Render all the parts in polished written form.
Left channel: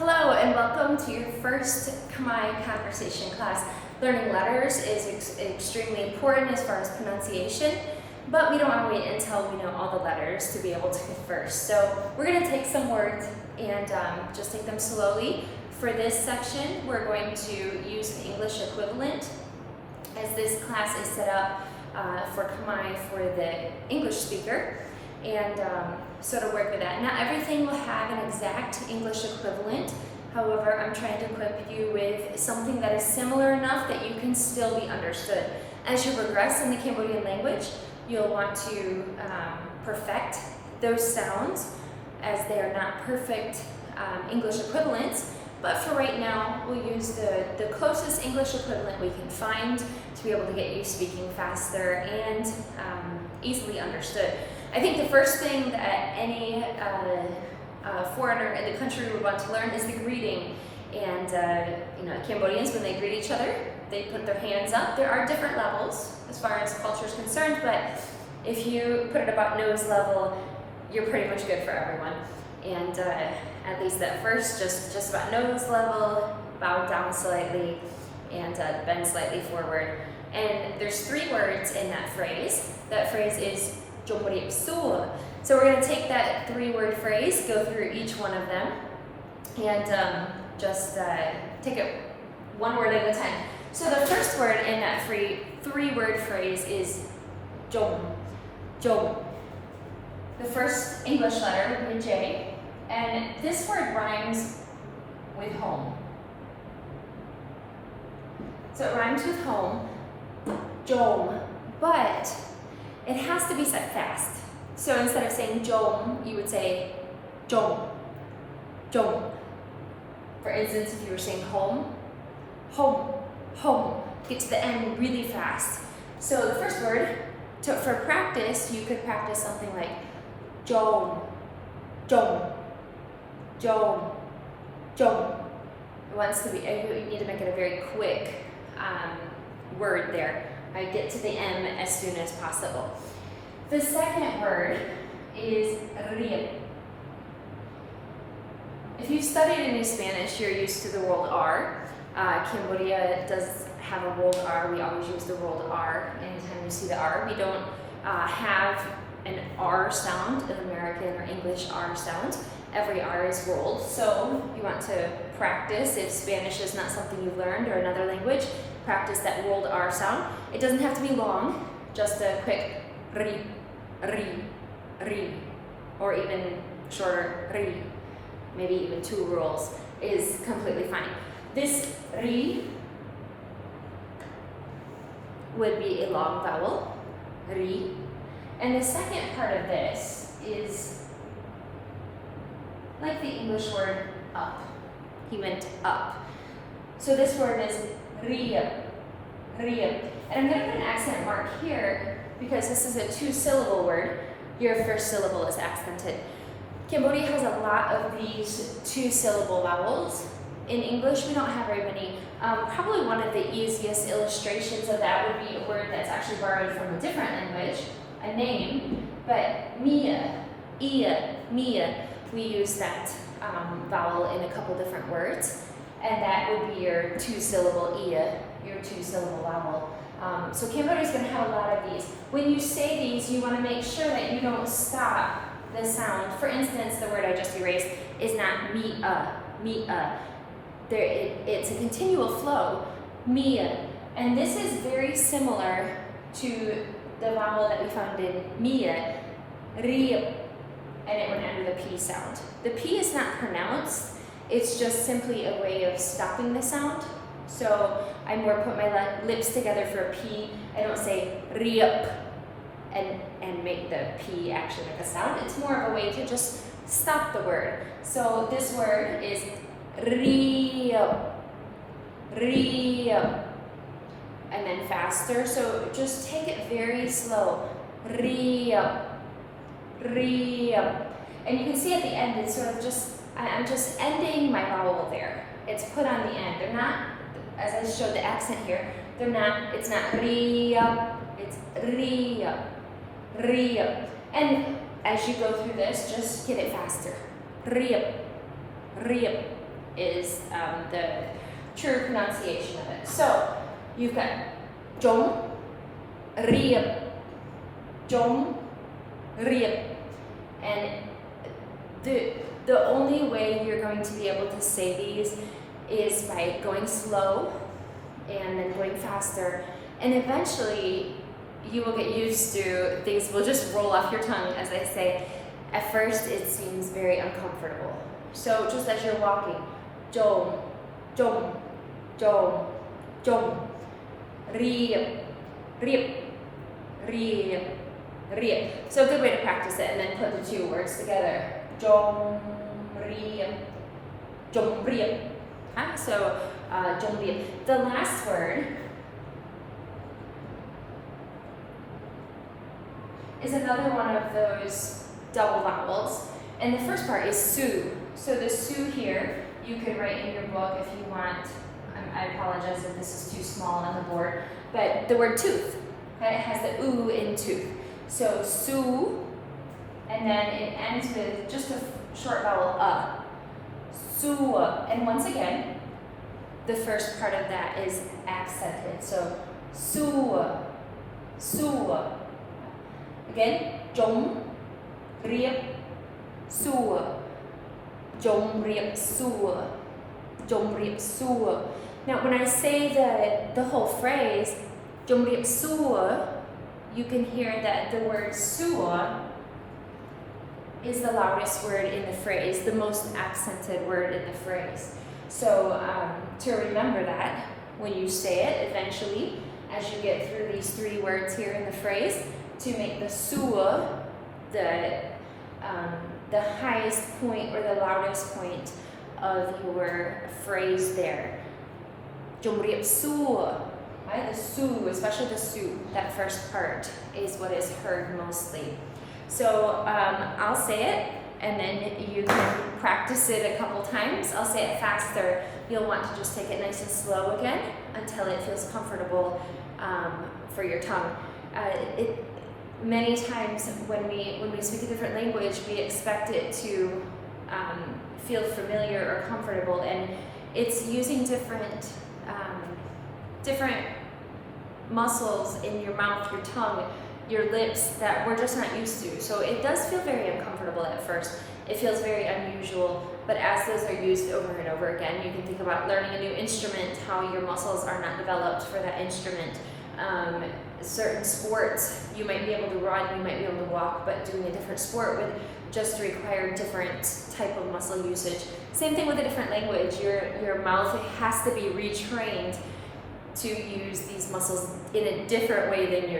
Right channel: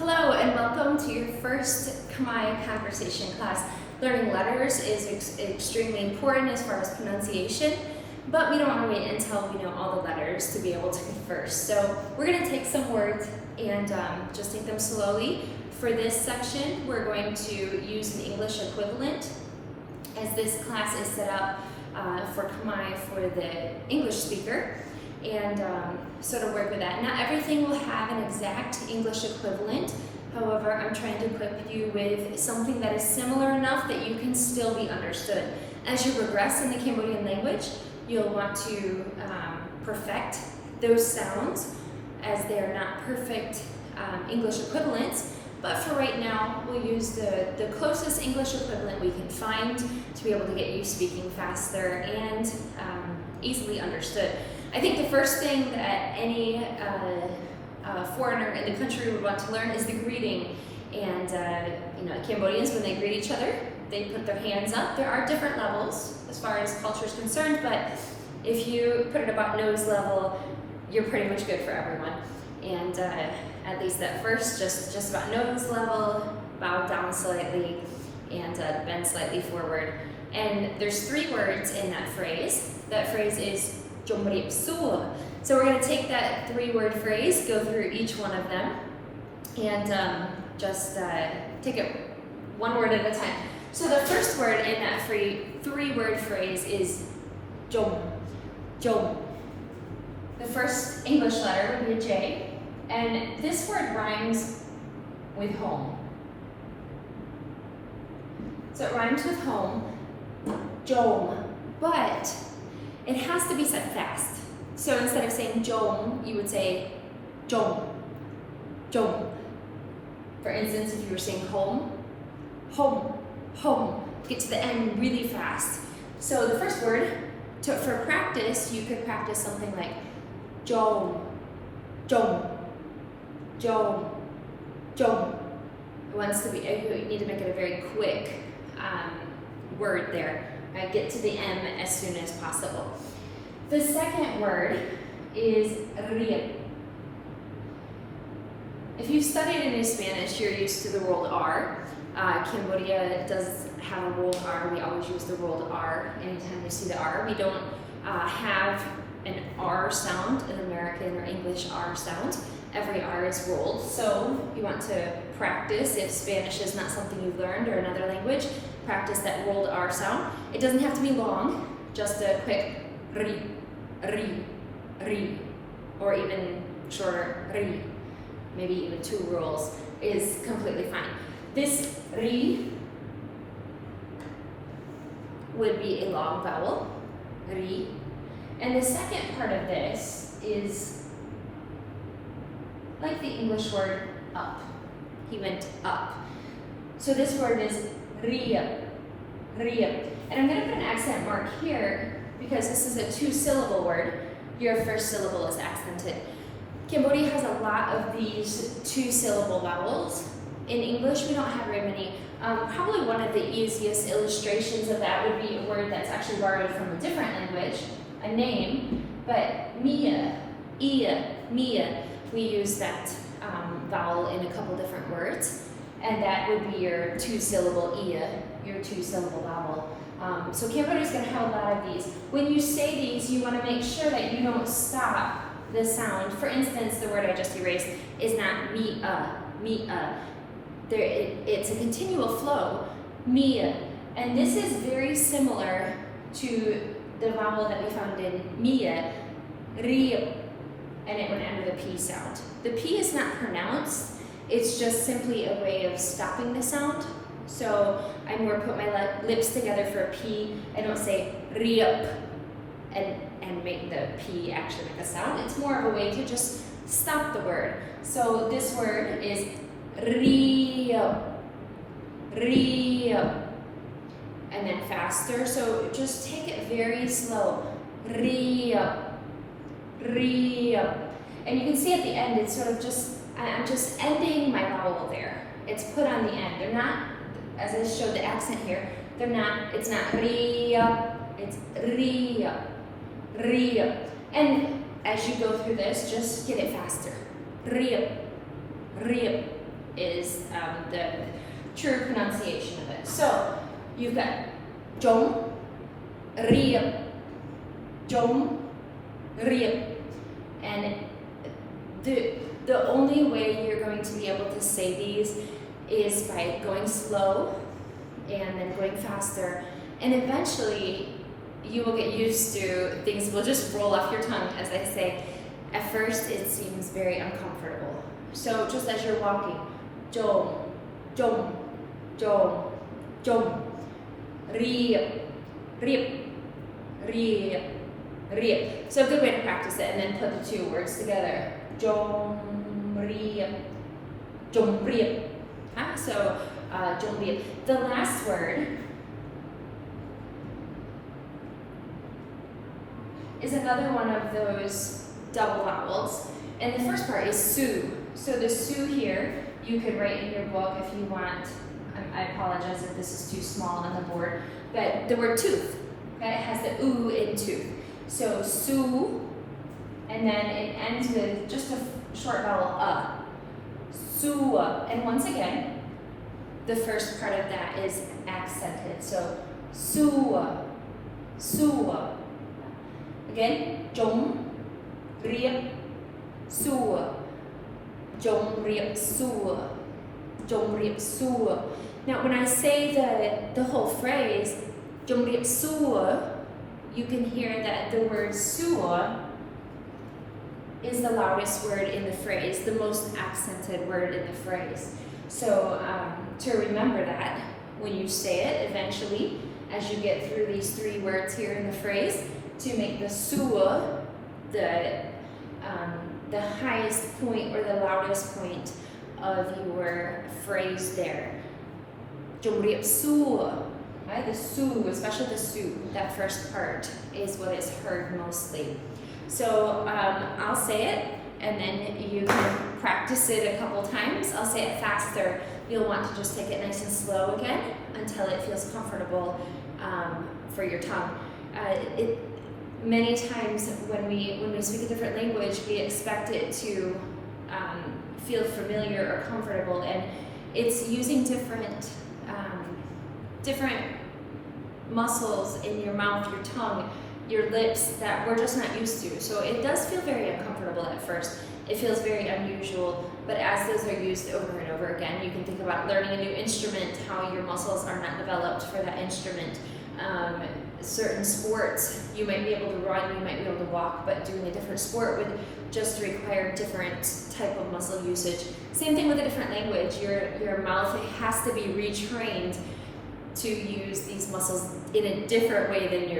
Hello and welcome to your first Khmer conversation class. Learning letters is extremely important as far as pronunciation, but we don't want to wait until we know all the letters to be able to converse. So we're going to take some words and just take them slowly. For this section, we're going to use an English equivalent, as this class is set up for Khmer for the English speaker. And so to work with that. Not everything will have an exact English equivalent. However, I'm trying to equip you with something that is similar enough that you can still be understood. As you progress in the Cambodian language, you'll want to perfect those sounds, as they are not perfect English equivalents. But for right now, we'll use the closest English equivalent we can find to be able to get you speaking faster and easily understood. I think the first thing that any foreigner in the country would want to learn is the greeting. And Cambodians, when they greet each other, they put their hands up. There are different levels as far as culture is concerned, but if you put it about nose level, you're pretty much good for everyone. And at least at first, just about nose level, bow down slightly, and bend slightly forward. And there's 3 words in that phrase. That phrase is so we're going to take that 3-word phrase, go through each one of them, and just take it one word at a time. So the first word in that 3-word phrase is jom. Jom. The first English letter would be a J, and this word rhymes with home. So it rhymes with home, jom, but it has to be said fast. So instead of saying jom, you would say jom, jom. For instance, if you were saying home, home, home. Get to the end really fast. So the first word, for practice, you could practice something like jom, jom, jom, jom. It wants to be, you need to make it a very quick word there. Right, get to the M as soon as possible. The second word is riep. If you've studied any Spanish, you're used to the rolled R. Cambodia does have a rolled R. We always use the rolled R anytime we see the R. We don't have an R sound, an American or English R sound. Every R is rolled. So if you want to practice, if Spanish is not something you've learned or another language, practice that rolled R sound. It doesn't have to be long, just a quick ri, ri, ri, or even shorter ri, maybe even 2 rolls is completely fine. This ri would be a long vowel, ri, and the second part of this is like the English word up. He went up. So this word is riep, riep. And I'm going to put an accent mark here because this is a 2-syllable word. Your first syllable is accented. Cambodia has a lot of these 2-syllable vowels. In English, we don't have very many. Probably one of the easiest illustrations of that would be a word that's actually borrowed from a different language, a name, but Mia, Ia, Mia. We use that vowel in a couple different words, and that would be your 2-syllable Ia, your 2-syllable vowel. So Cambodia is going to have a lot of these. When you say these, you want to make sure that you don't stop the sound. For instance, the word I just erased is not mi-a, mi-a. It's a continual flow, mi-a. And this is very similar to the vowel that we found in Mia, riep, and it went under the P sound. The P is not pronounced, it's just simply a way of stopping the sound. So I more put my lips together for a P. I don't say riep and make the P actually make a sound. It's more of a way to just stop the word. So this word is riep, riep, and then faster. So just take it very slow. Riep, riep. And you can see at the end, it's sort of just, I'm just ending my vowel there. It's put on the end. They're not, as I showed the accent here, it's not riep, it's riep, riep. And as you go through this, just get it faster. Riep, riep, is the true pronunciation of it. So you've got jom, riep, jom, riep, and the only way you're going to be able to say these is by going slow and then going faster, and eventually you will get used to things will just roll off your tongue. As I say, at first it seems very uncomfortable. So just as you're walking, jom, jom, jom, jom, riep, riep, riep, riep. So a good way to practice it, and then put the two words together. Jom, riep, jom, riep. So jom, riep. The last word is another one of those double vowels, and the first part is su. So the su here, you could write in your book if you want. I apologize if this is too small on the board, but the word tooth, okay, it has the oo in tooth. So su, and then it ends with just a short vowel su, and once again, the first part of that is accented. So su, su. Again, jom, riep, su, jom, riep, su, jom, riep, su. Now, when I say the whole phrase, jom, riep, su, you can hear that the word su is the loudest word in the phrase, the most accented word in the phrase. So to remember that when you say it eventually, as you get through these three words here in the phrase, to make the su the highest point or the loudest point of your phrase there. Jom riep su, right? The su, especially the su, that first part is what is heard mostly. So I'll say it, and then you can practice it a couple times. I'll say it faster. You'll want to just take it nice and slow again until it feels comfortable for your tongue. Many times when we speak a different language, we expect it to feel familiar or comfortable, and it's using different muscles in your mouth, your tongue, your lips that we're just not used to. So it does feel very uncomfortable at first. It feels very unusual, but as those are used over and over again, you can think about learning a new instrument, how your muscles are not developed for that instrument. Certain sports, you might be able to run, you might be able to walk, but doing a different sport would just require different type of muscle usage. Same thing with a different language. Your mouth has to be retrained to use these muscles in a different way than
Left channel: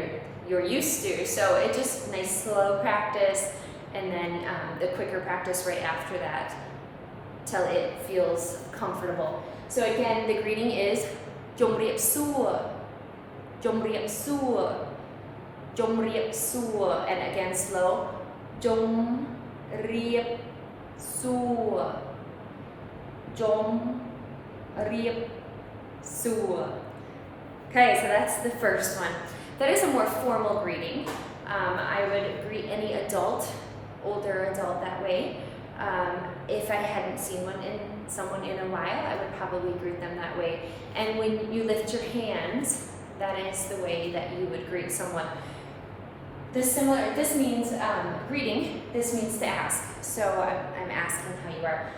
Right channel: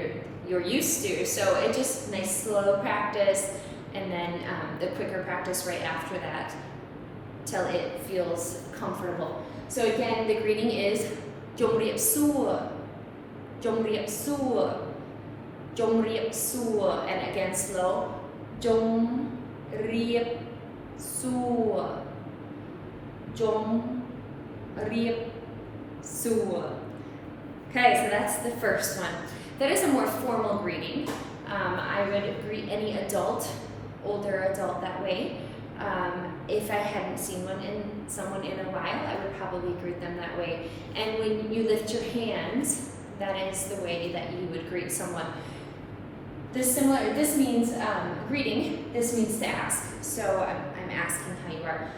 you're used to. So it's just nice slow practice, and then the quicker practice right after that till it feels comfortable. So again, the greeting is jom riep su, jom riep su, jom riep su, and again slow, jom riep su, jom riep su. Okay, so that's the first one. That is a more formal greeting. I would greet any adult, older adult that way. If I hadn't seen someone in a while, I would probably greet them that way. And when you lift your hands, that is the way that you would greet someone. This means greeting, this means to ask. So I'm asking how you are.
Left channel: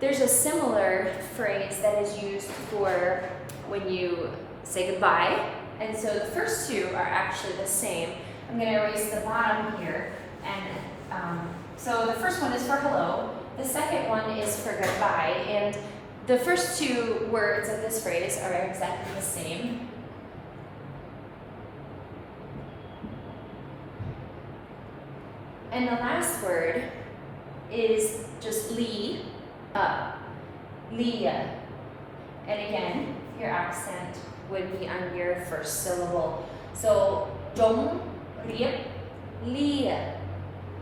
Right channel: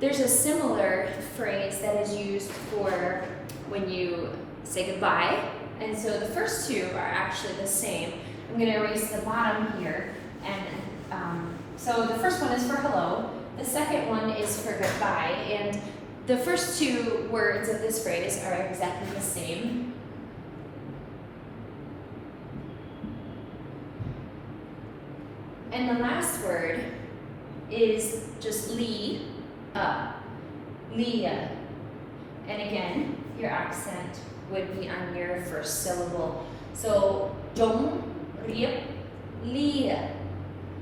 There's a similar phrase that is used for when you say goodbye. And so the first two are actually the same. I'm going to erase the bottom here. And so the first one is for hello. The second one is for goodbye. And the first two words of this phrase are exactly the same. And the last word is just li, lia. And again, your accent would be on your first syllable. So, jom, riep, lia.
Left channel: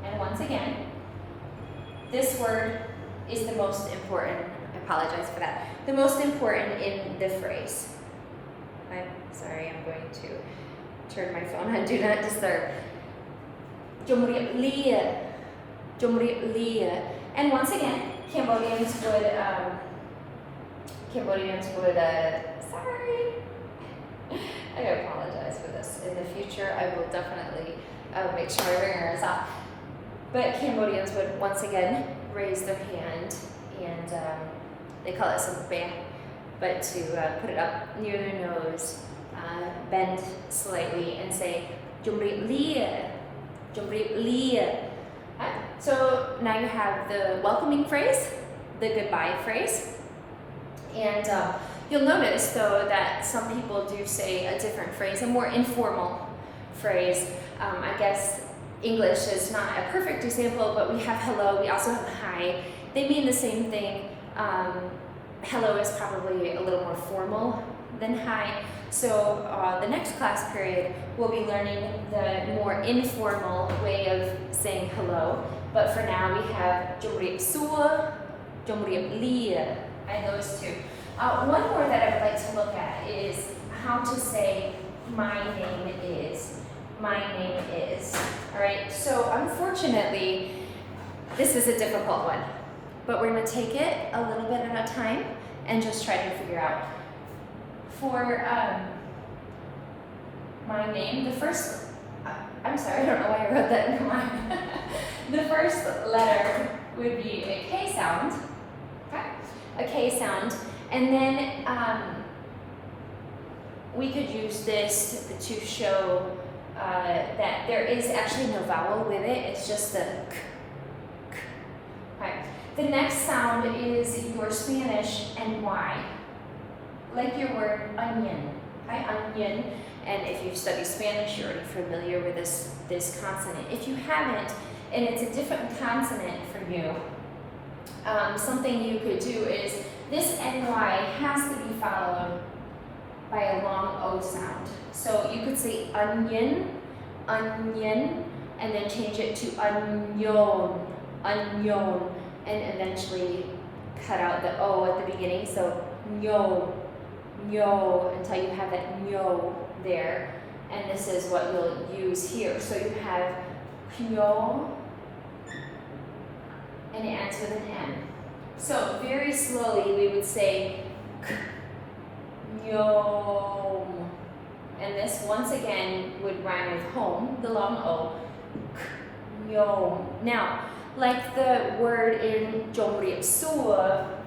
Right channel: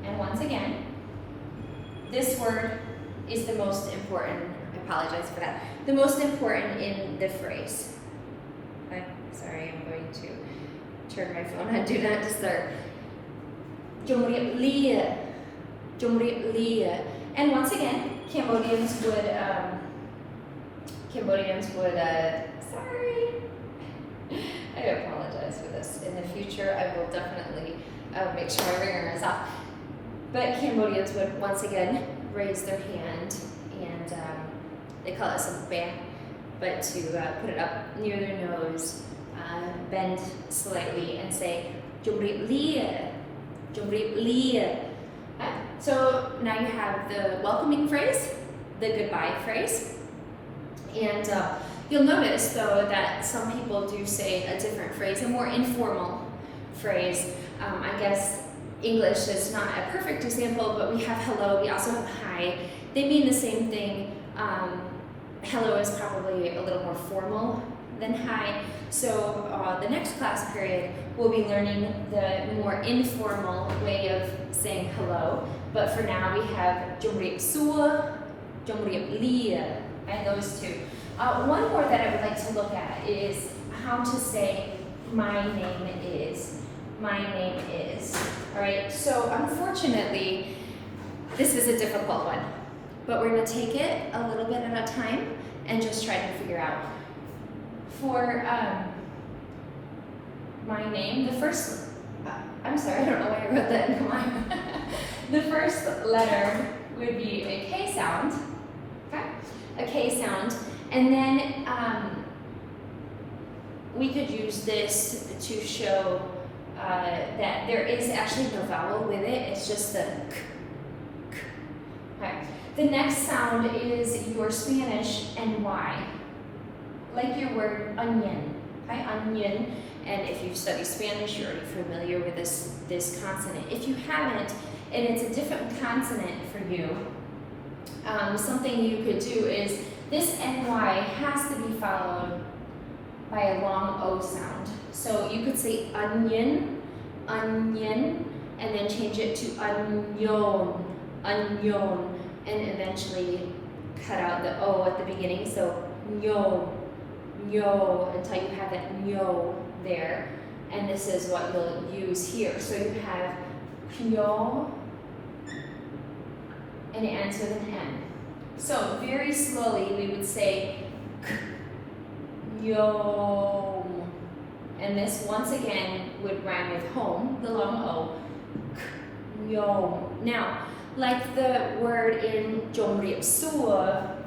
And once again, this word is the most important. I apologize for that. The most important in the phrase. I'm sorry, I'm going to turn my phone on Do Not Disturb. Jom riep lia. Jom riep lia. And once again, Cambodians would Cambodians would, sorry, I apologize for this. In the future, I will definitely make sure my ringer is off. But Cambodians would once again raise their hand and they call it sombré, but to put it up near their nose, bend slightly and say "Jumri Lia, Jumri Lia." So now you have the welcoming phrase, the goodbye phrase, and you'll notice though that some people do say a different phrase, a more informal phrase. I guess English is not a perfect example, but we have hello, we also have hi. They mean the same thing. Hello is probably a little more formal than hi. So the next class period, we'll be learning the more informal way of saying hello. But for now, we have Jumriep Sua, Jumriep Lia, and those two. One more that I would like to look at is how to say my name is. My name is. All right, so unfortunately, this is a difficult one, but we're going to take it a little bit at a time and just try to figure out. For my name, the first, I'm sorry, I don't know why I wrote that in mine. The first letter would be a K sound, okay? A K sound, and then we could use this to show that there is actually no vowel with it, it's just the k. Okay. The next sound is your Spanish NY, like your word onion, okay? Onion, and if you study Spanish, you're already familiar with this consonant. If you haven't, and it's a different consonant for you, something you could do is this NY has to be followed by a long O sound. So you could say onion, onion, and then change it to onion, onion, and eventually cut out the O at the beginning. So nyo, nyo, until you have that nyo there. And this is what you'll use here. So you have nyo, and it ends with an N. So very slowly we would say Yom. And this once again would rhyme with home, the long O. Yom. Now, like the word in Jomriep Sua,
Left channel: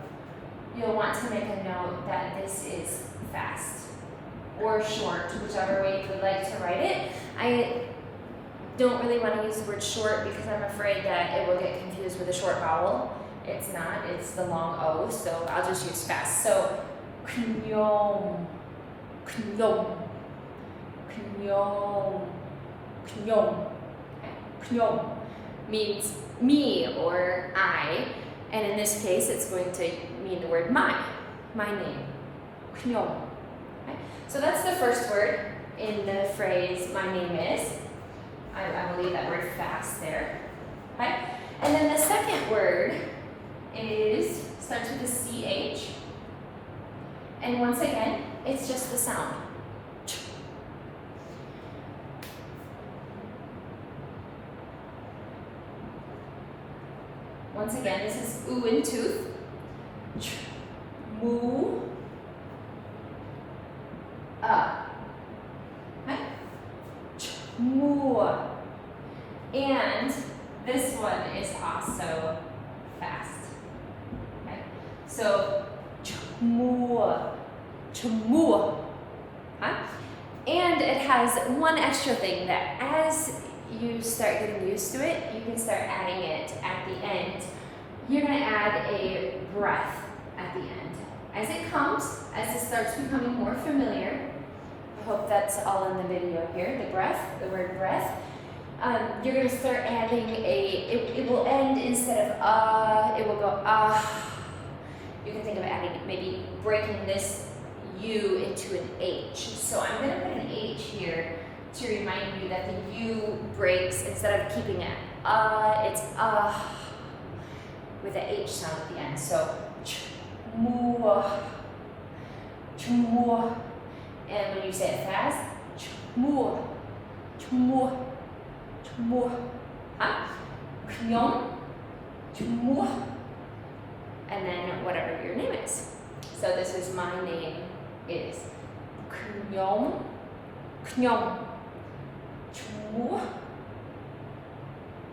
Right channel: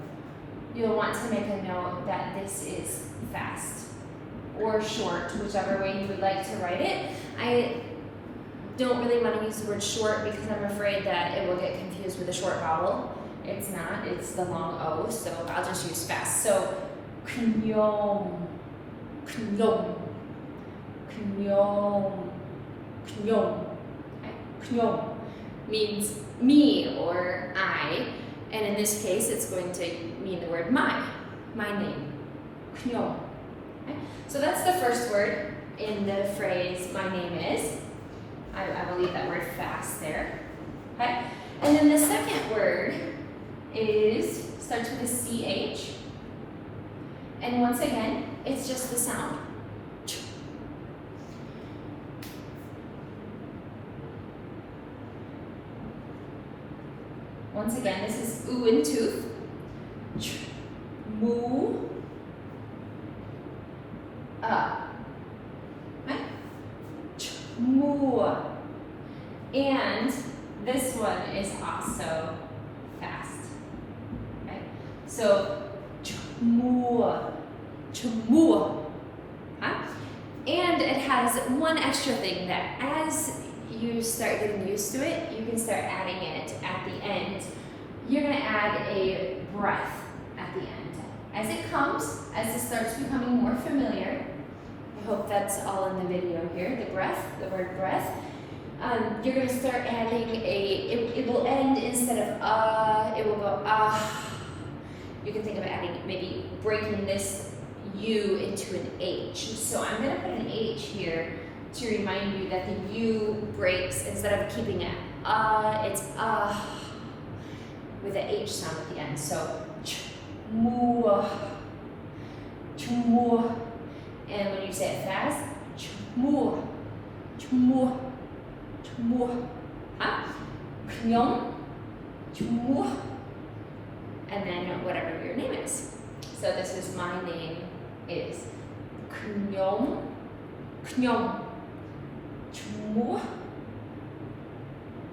you'll want to make a note that this is fast or short, whichever way you would like to write it. I don't really want to use the word short because I'm afraid that it will get confused with a short vowel. It's not, it's the long O, so I'll just use fast. So, Knyom, Knyom, Knyom, Knyom. Knyom means me or I, and in this case it's going to mean the word my name. Knyom. Okay? So that's the first word in the phrase my name is. I will leave that word fast there. Okay? And then the second word starts with a CH. And once again, it's just the sound. Once again, this is oo and tooth. Moo. Okay? Moo. And this one is also fast. Okay? So, chmua, chmua. Huh? And it has one extra thing that as you start getting used to it, you can start adding it at the end. You're going to add a breath at the end. As it comes, as it starts becoming more familiar, I hope that's all in the video here, the breath, the word breath. You're going to start adding it will end instead of it will go You can think of adding, maybe breaking this U into an H. So I'm going to put an H here to remind you that the U breaks instead of keeping it it's with an H sound at the end. So chmua, chmua, and when you say it fast, chmua, chmua, chmua, Knyom, chmua, and then whatever your name is. So this is my name is Khmer, Khmer, Chmua,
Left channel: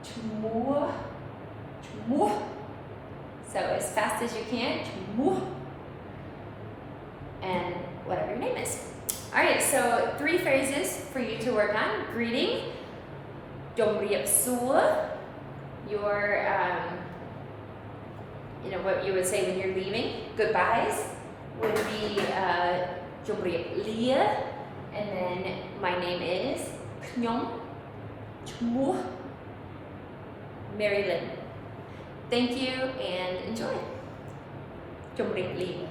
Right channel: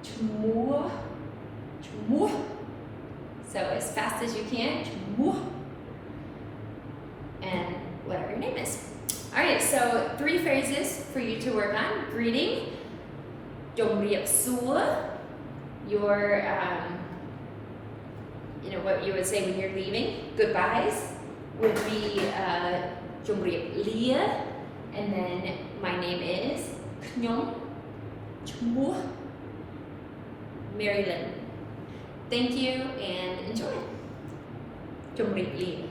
Chmua, Chmua. So as fast as you can, Chmua, and whatever your name is. All right, so 3 phrases for you to work on. Greeting, Jomriep Sua, your, what you would say when you're leaving. Goodbyes would be Jomriep Lia, and then my name is Khnyong, Chmu, Mari-lyn. Thank you and enjoy. Jomriep Lia.